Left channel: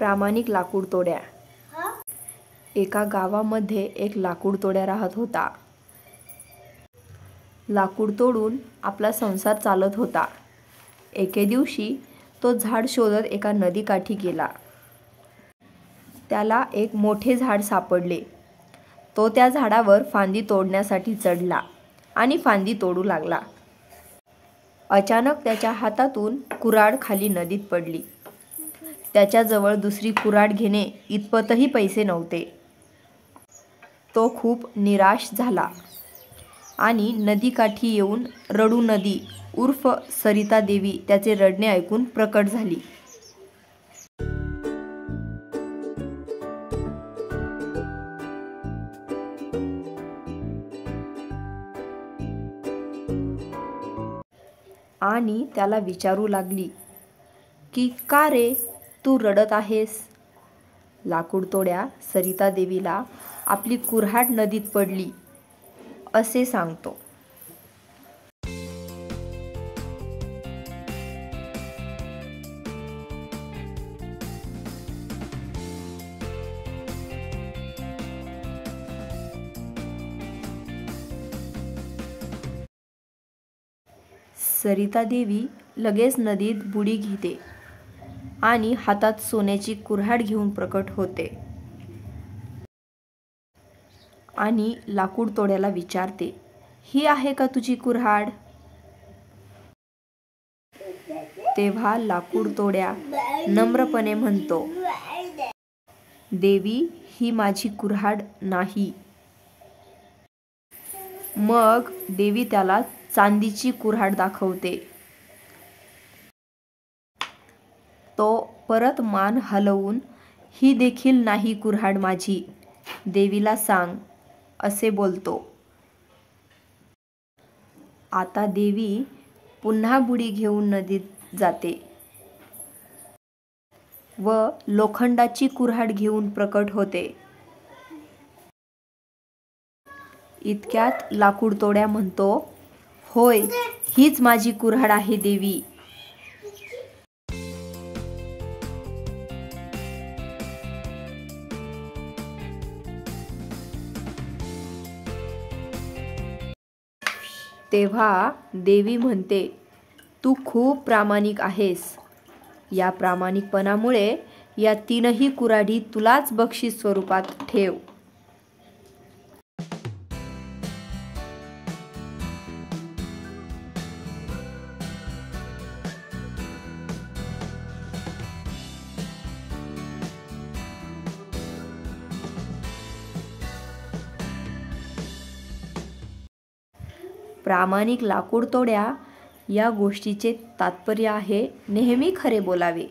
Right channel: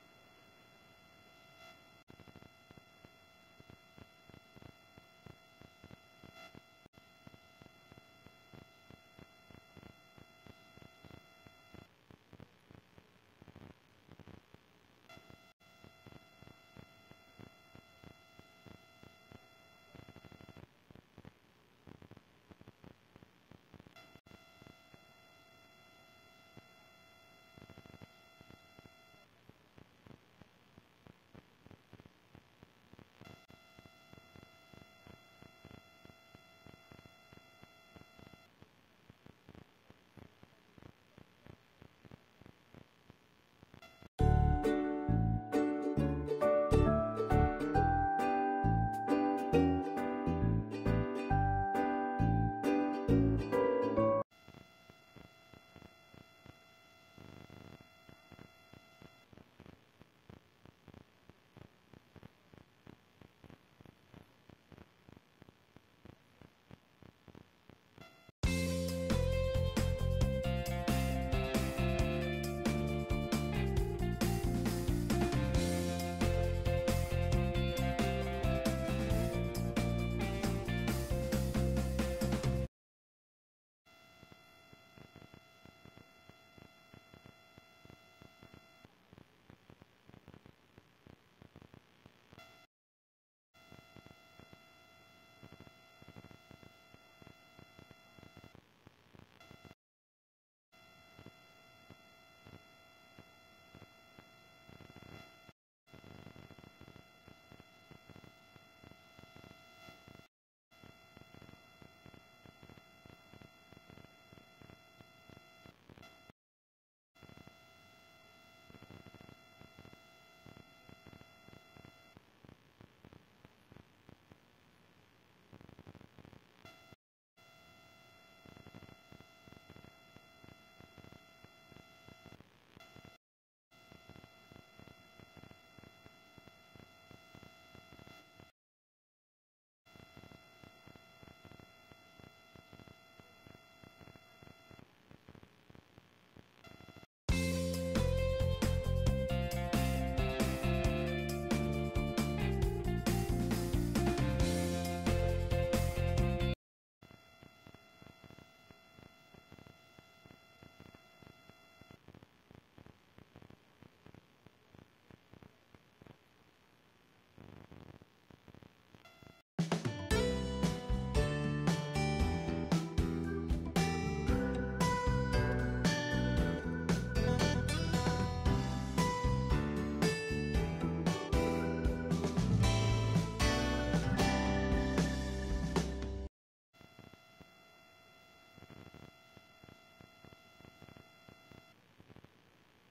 प्रामाणिक लाकूड तोड्या. एका गावामध्ये एक लाकूड तोड्या राहत होता. लाकूड तोडून आपला संसार चालत होता. एके दिवशी तो झाड शोधत एका नदीकाठी गेला. त्याला एक मोठे झाड सापडले. तो त्या झाडावर फांदी तोडण्यासाठी चढला आणि फांदी तोडू लागला. अचानक त्याच्या हातातून कुऱ्हाड खाली नदीत पडली. त्याच्याजवळ दुसरी कुऱ्हाड घेणे इतपतही पैसे नव्हते. तो खूप निराश झाला आणि नदीकाठी येऊन रडू नदी उर्फ सरिता देवी त्याचे रडणे ऐकून प्रकट झाली. आणि त्याला विचारू लागली की का रे तू रडत आहेस. लाकूड तोड्या सरिता देवीला आपली कुऱ्हाड नदीत पडली असे सांगतो. सरिता देवी लगेच नदीत बुडी घेते आणि हातात सोन्याची कुऱ्हाड घेऊन प्रकट होते आणि लाकूड तोड्याला विचारते, ही आहे का तुझी कुऱ्हाड. तेव्हा लाकूड तोड्या नम्रपणे म्हणतो, देवी ही माझी कुऱ्हाड नाही. मग देवी त्याला चांदीची कुऱ्हाड दाखवते. तो परत मान हलवून ही देखील नाही कुऱ्हाड माझी, देवीला सांग असे बोलतो. आता देवी पुन्हा बुडी घेऊन नदीत जाते व लोखंडाची कुऱ्हाड घेऊन प्रकट होते. इतक्यात लाकूड तोड्या म्हणतो, होय हीच माझी कुऱ्हाड आहे देवी. तेव्हा देवी म्हणते, तू खूप प्रामाणिक आहेस. या प्रामाणिकपणामुळे या तीनही कुऱ्हाडी तुलाच बक्षीस स्वरूपात ठेव. प्रामाणिक लाकूड तोड्या या गोष्टीचे तात्पर्य आहे नेहमी खरे बोलावे.